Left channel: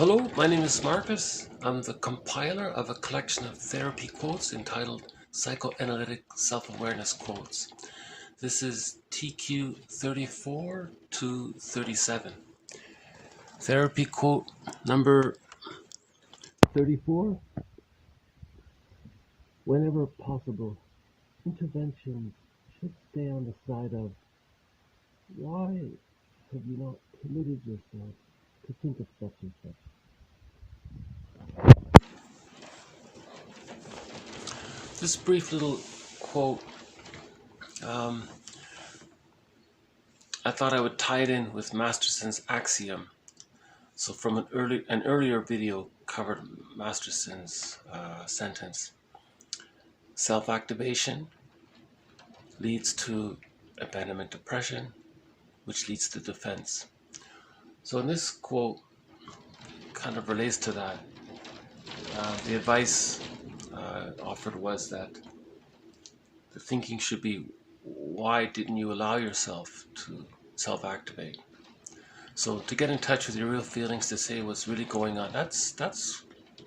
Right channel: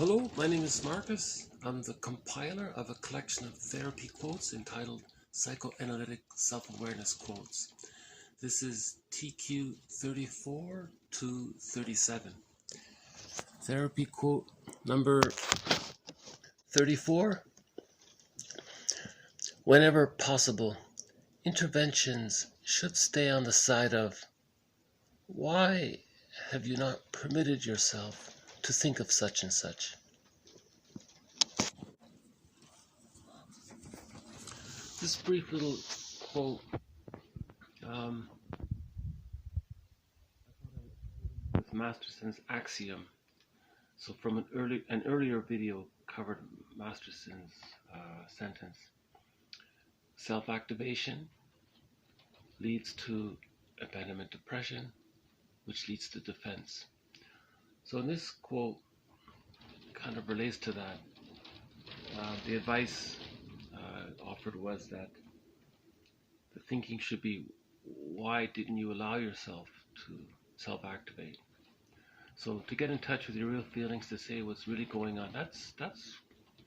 Hello, my name is Marcus. I'm the compiler of a collection of therapy quotes entitled Psychoanalytic Self-Awareness Quotes. This is TQ 34 to 37. Therapy quote number 34. Whenever possible, interventions should stay on the side of, why have you not permitted yourself to think of such and such? This brief little quote, I thought I would tie it in with Masterson's axiom. So from an earlier video covered Masterson's sentence. Self-activation leads to abandonment depression, which leads to defense. So in this quote kind of relates to that. The advice offered was that the thinking should be, why didn't you allow yourself to self-activate? So to get in touch with your real feelings, to say what's really going on, that's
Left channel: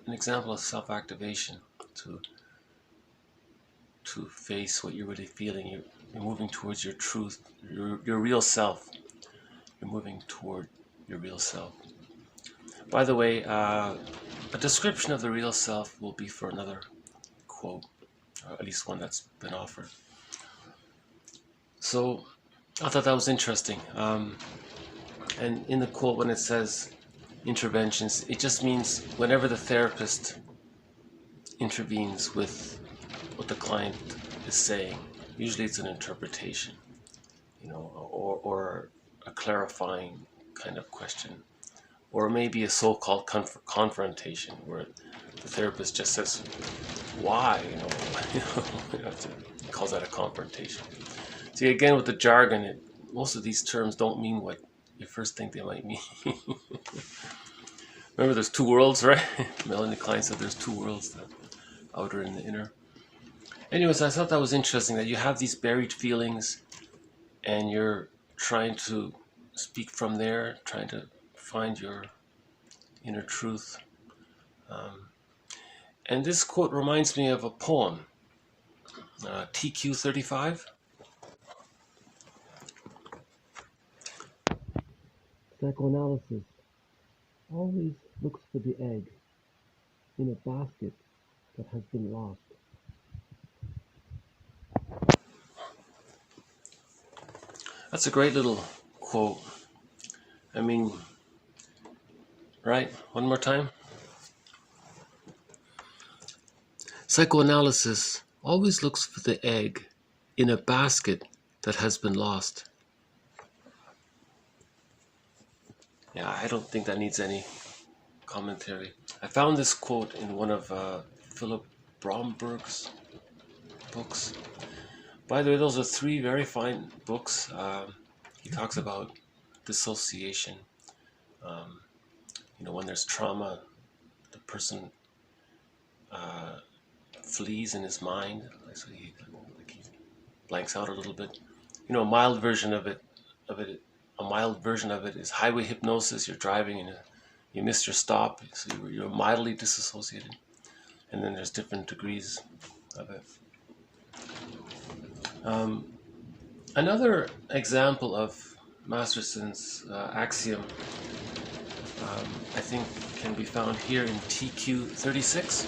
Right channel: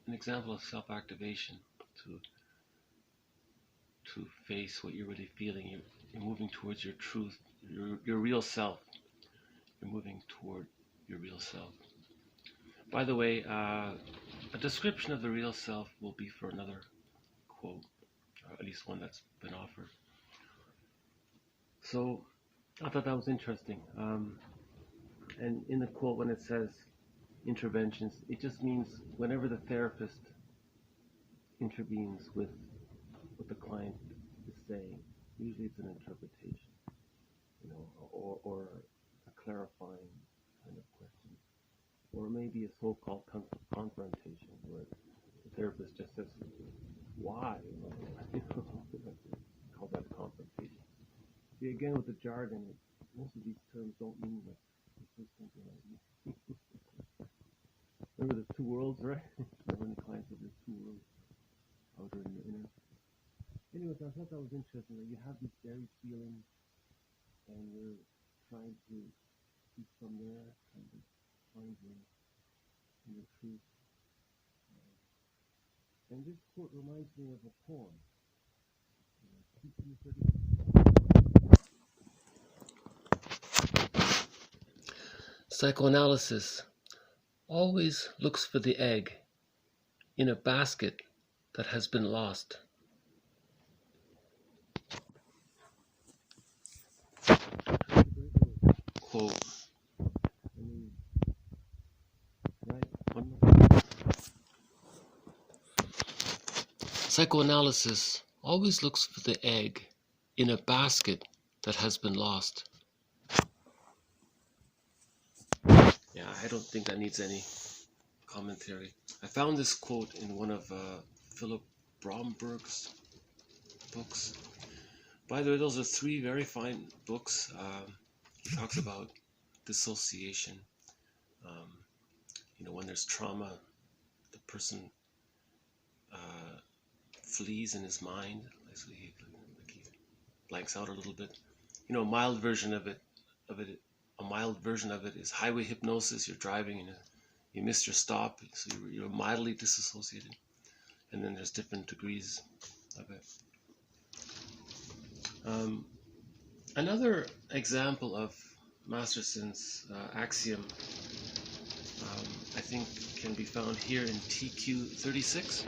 an example of self-activation, to face what you're really feeling. You're moving towards your truth, your real self. You're moving toward your real self. By the way, a description of the real self will be for another quote, or at least one that's been offered. So I thought that was interesting. And in the quote, when it says interventions, it just means whenever the therapist intervenes with what the client is saying. Usually it's an interpretation, or a clarifying kind of question, or maybe a so-called confrontation where the therapist just says, why, he calls that a confrontation. See, again, with the jargon, most of these terms don't mean what you first think they might mean. Remember, there's two worlds, right? Melanie Klein said there's two worlds, the outer and the inner. Anyways, I thought that was interesting, that you have these buried feelings and you're trying to speak from there, trying to find your inner truth. And this quote reminds me of a poem, TQ 35. Psychoanalysis always looks for the egg in a basket that has been lost. It's a great little quote. I mean, right? One more time. Psychoanalysis always looks for the egg in a basket that has been lost. Yeah, I don't think that needs any commentary. I found this quote in one of Philip Bromberg's books. By the way, those are three very fine books. He talks about dissociation. When there's trauma, the person flees in his mind, so he blanks out a little bit. A mild version of it. A mild version of it is highway hypnosis. You're driving and you missed your stop, so you're mildly disassociated. And then there's different degrees of it. Another example of Masterson's axiom, I think, can be found here in TQ 36.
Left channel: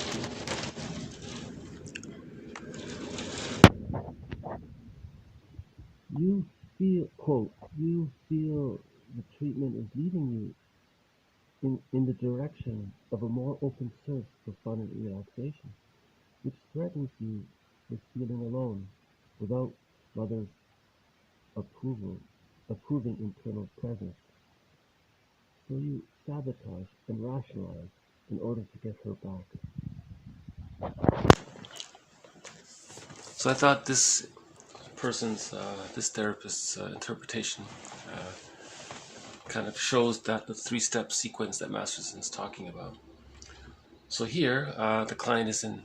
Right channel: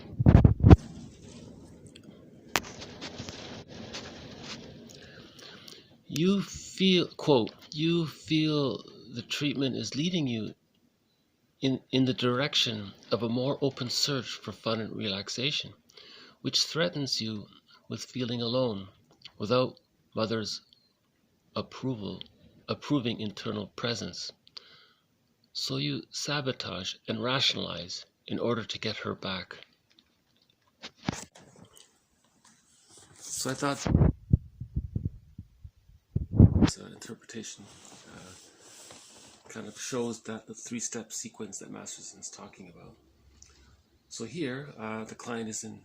You feel, quote, you feel the treatment is leading you in the direction of a more open search for fun and relaxation, which threatens you with feeling alone without mother's approving internal presence. So you sabotage and rationalize in order to get her back. So I thought this therapist's interpretation kind of shows that the three-step sequence that Masterson's talking about. So here, the client isn't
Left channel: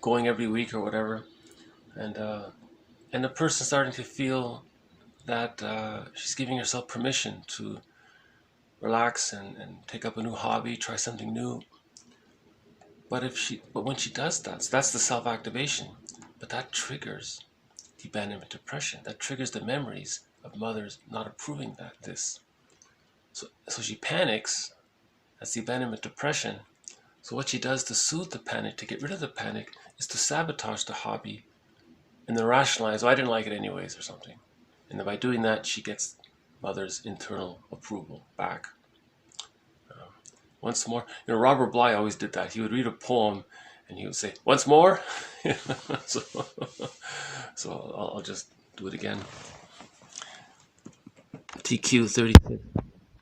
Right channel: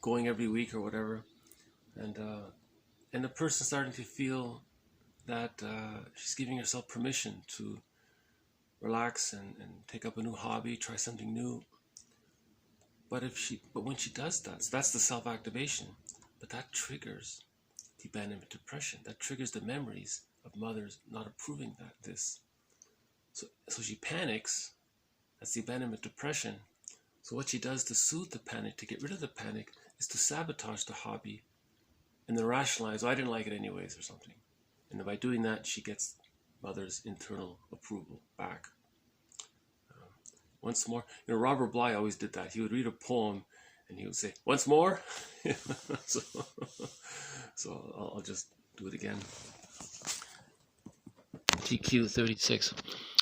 going every week or whatever, and the person's starting to feel that she's giving herself permission to relax and take up a new hobby, try something new. But when she does that, so that's the self-activation, but that triggers the abandonment depression. That triggers the memories of mothers not approving this. So she panics. That's the abandonment depression. So what she does to soothe the panic, to get rid of the panic, is to sabotage the hobby and then rationalize, I didn't like it anyways or something. And then by doing that, she gets mother's internal approval back. Once more, Robert Bly always did that. He would read a poem and he would say, once more. so I'll just do it again. TQ 36.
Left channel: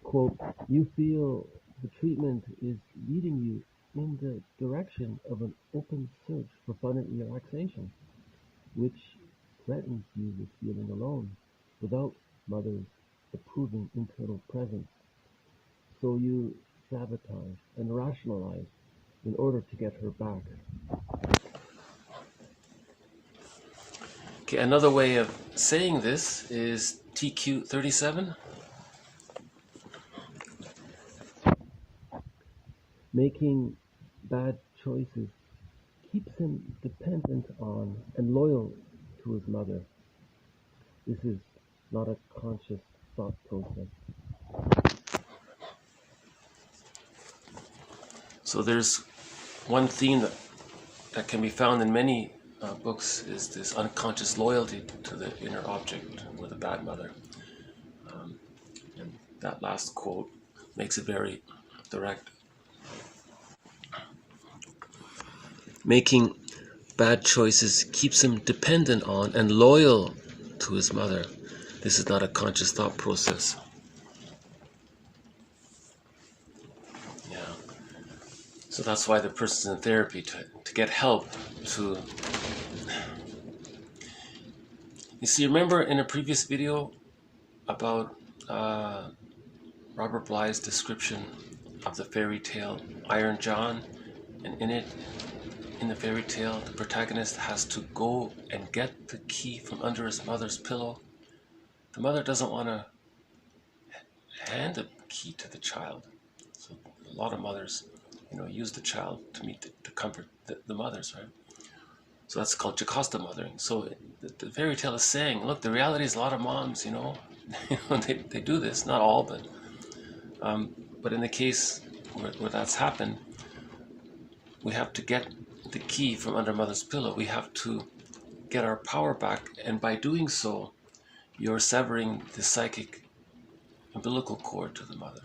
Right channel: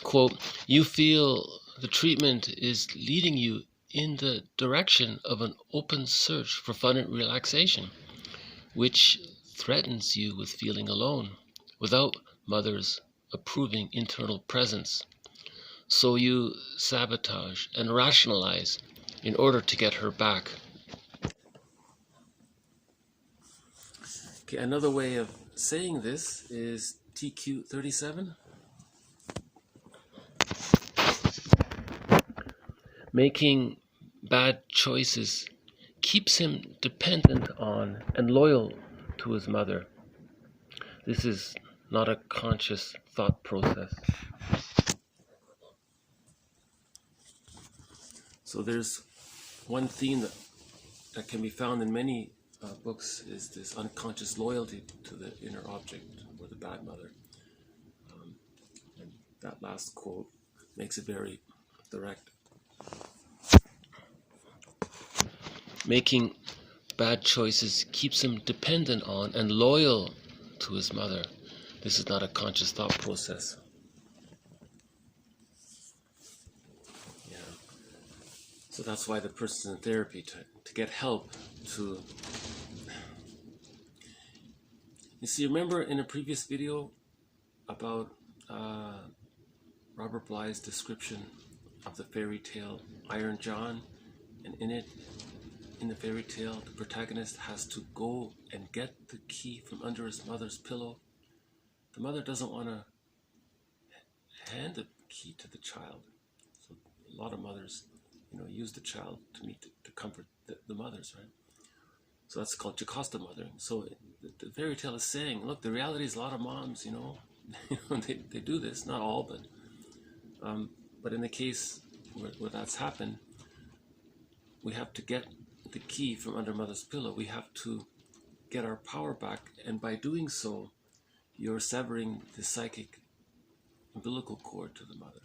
Quote, you feel the treatment is leading you in the direction of an open search for fun and relaxation, which threatens you with feeling alone without mother's approving internal presence. So you sabotage and rationalize in order to get her back. Okay, another way of saying this is TQ 37. Making bad choices keeps him dependent on and loyal to his mother. This is not a conscious thought process. So there's one theme that can be found in many books is this unconscious loyalty to the inner object or the bad mother. And that last quote makes it very direct. Making bad choices keeps him dependent on and loyal to his mother. This is not a conscious thought process. So that's why the person's in therapy, to get help to... You see, remember in a previous video about Robert Bly's description of the fairy tale Iron John? And in the fairy tale, the protagonist has to go and get the key from under his mother's pillow. The mother doesn't want to hand the key to the child. So a lot of mothers use the child to comfort the mothers, right? So that's called Jocasta mothering. So the fairy tale is saying, look, the reality is a lot of moms, they do this, not all, but in the case where that's happened, we have to get the key from under mother's pillow. We have to get our power back, and by doing so, you're severing the psychic umbilical cord to the mother.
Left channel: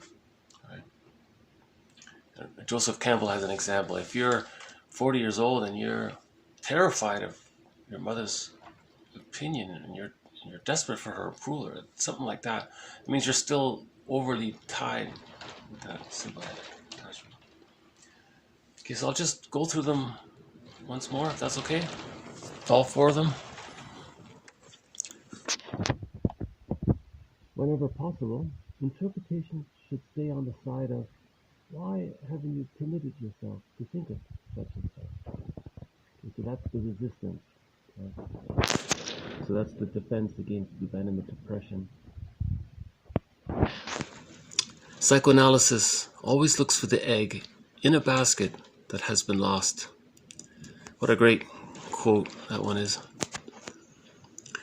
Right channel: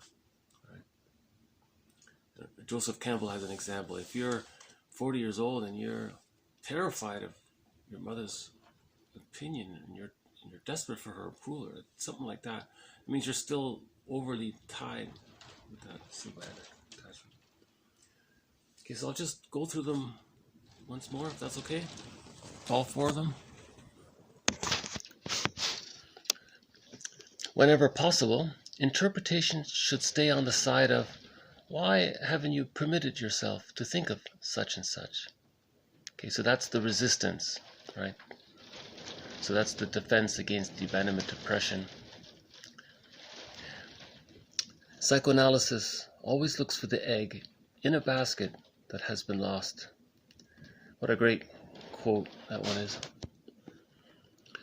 Joseph Campbell has an example. If you're 40 years old and you're terrified of your mother's opinion and you're desperate for her approval or something like that, it means you're still overly tied with that symbiotic attachment. Okay, so I'll just go through them once more, if that's okay. All four of them. Whenever possible, interpretation should stay on the side of, why haven't you permitted yourself to think of such and such? Okay, so that's the resistance, right? So that's the defense against the abandonment depression. Psychoanalysis always looks for the egg in a basket that has been lost. What a great quote that one is.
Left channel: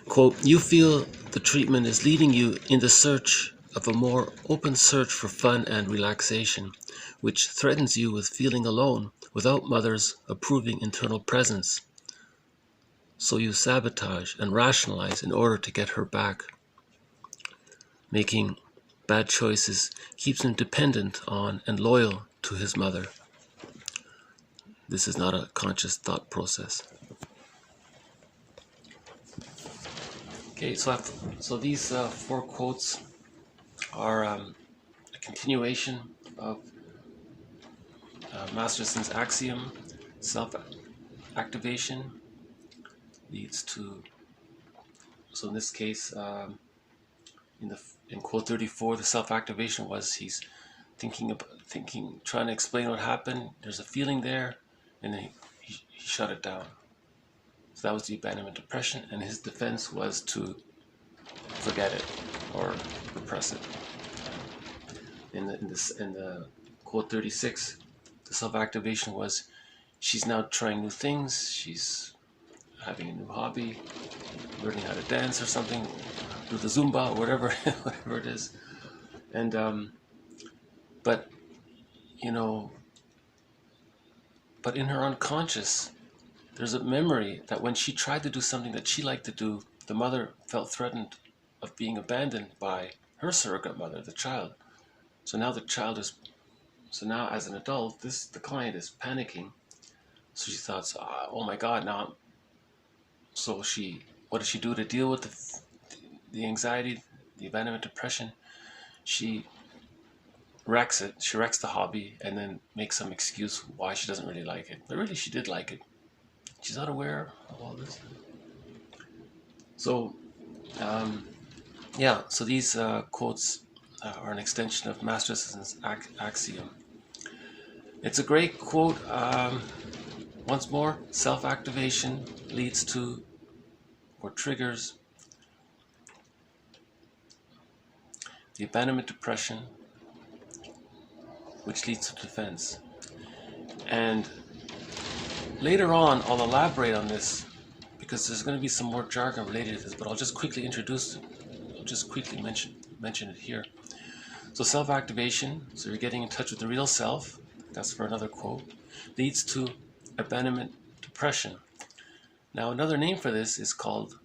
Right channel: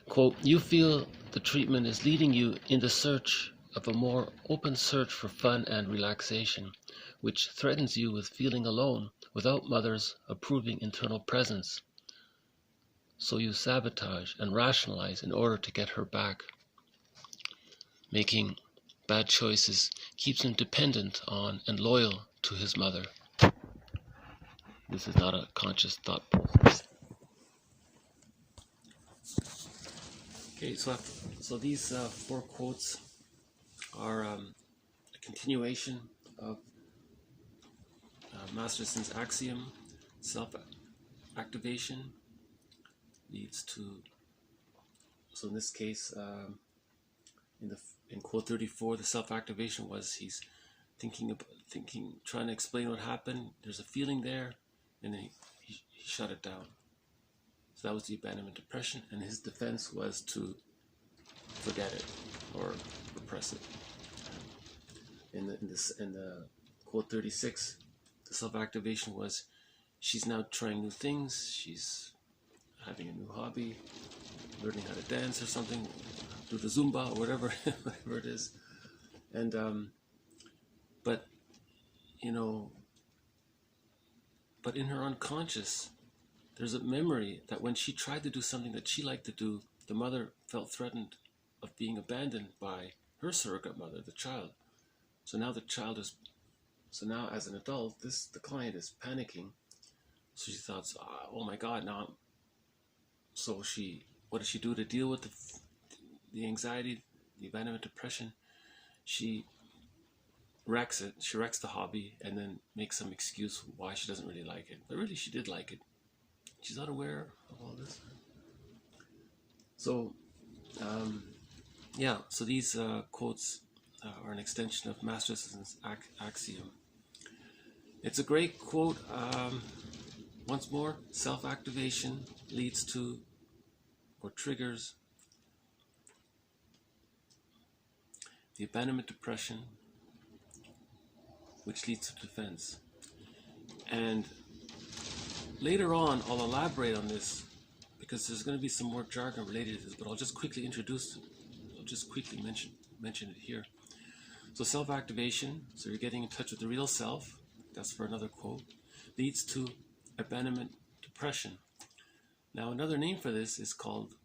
Quote, you feel the treatment is leading you in the search of a more open search for fun and relaxation, which threatens you with feeling alone without mother's approving internal presence. So you sabotage and rationalize in order to get her back. Making bad choices keeps him dependent on and loyal to his mother. This is not a conscious thought process. Okay, so these four quotes are a continuation of Masterson's axiom. Self-activation leads to, so in this case, in quote 34, the self-activation was he's trying to explain what happened. There's a feeling there, and then he shut it down. So that was the abandonment depression, and his defense was to forget it or repress it. in the quote 36, the self-activation was she's now trying new things. She's having a new hobby, learning how to dance or something, do the Zumba or whatever, whatever it is. And but you know, but in her unconscious, there's a memory that when she tried to do something that she liked to do, the mother felt threatened of being abandoned by her surrogate mother, the child. So now so now as an adult, the client is panicking. So she thought, oh my God, now. So what does she do to deal with the anxiety, the abandonment, depression? She wrecks it. She wrecks the hobby and then makes some excuse why she doesn't really like it. But really, she did like it. She's not aware of all this. So, yeah. So these quotes are an extension of Masterson's axiom. It's a great quote. Once more, self-activation leads to or triggers the abandonment depression, which leads to defense. And later on, I'll elaborate on this because there's going to be some more jargon related to this, but I'll just quickly introduce it. I'll just quickly mention it here. So self-activation, so you're getting in touch with the real self, that's for another quote, leads to abandonment depression. Now another name for this is called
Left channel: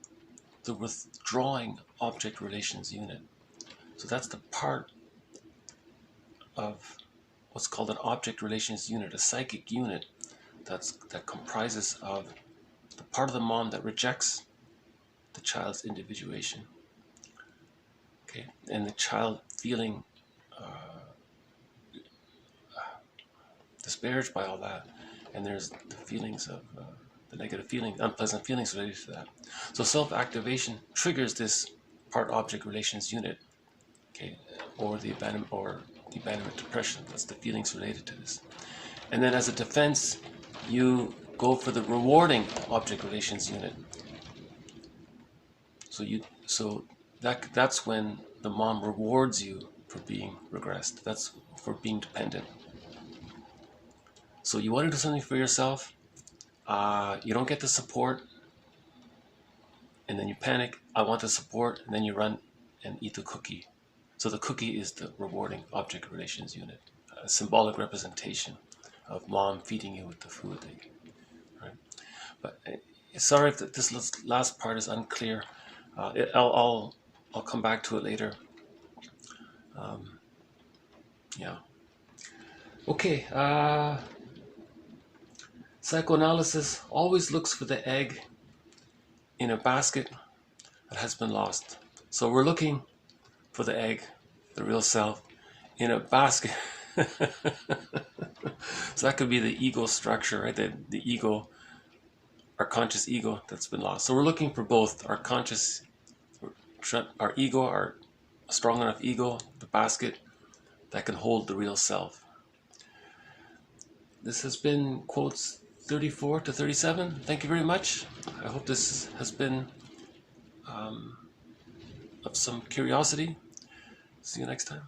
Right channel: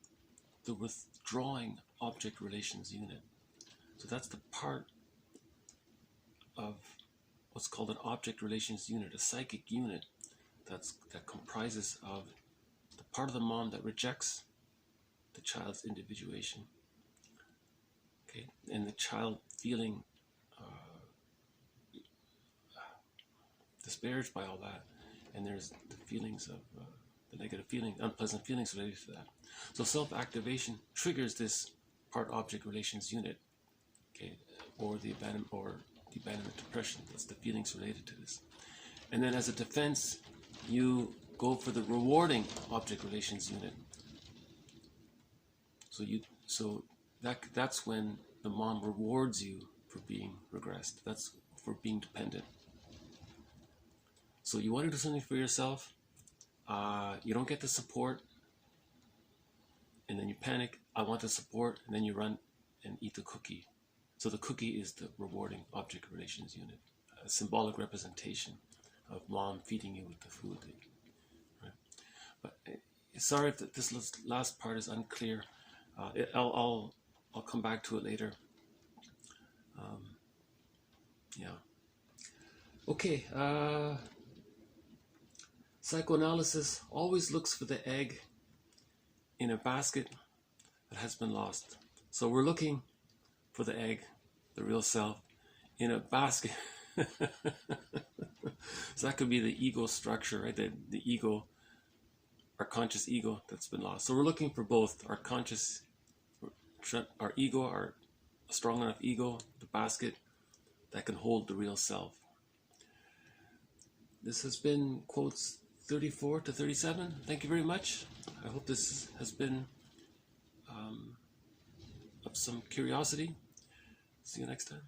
the withdrawing object relations unit. So that's the part of what's called an object relations unit, a psychic unit that comprises of the part of the mom that rejects the child's individuation. Okay, and the child feeling disparaged by all that, and there's the feelings of the negative feelings, unpleasant feelings related to that. So self-activation triggers this part-object relations unit, okay, or the abandonment depression. That's the feelings related to this. And then as a defense, you go for the rewarding object relations unit. So that's when the mom rewards you for being regressed. That's for being dependent. So you want to do something for yourself, you don't get the support, and then you panic, I want the support, and then you run and eat the cookie. So the cookie is the rewarding object relations unit, a symbolic representation of mom feeding you with the food. Right? But sorry if this last part is unclear. I'll come back to it later. Yeah. Okay. Psychoanalysis always looks for the egg in a basket that has been lost. So we're looking for the egg, the real self, in a basket. So that could be the ego structure, right? The ego, our conscious ego that's been lost. So we're looking for both our conscious, our ego, our strong enough ego, the basket that can hold the real self. This has been quotes 34 to 37. Thank you very much. I hope this has been of some curiosity. See you next time.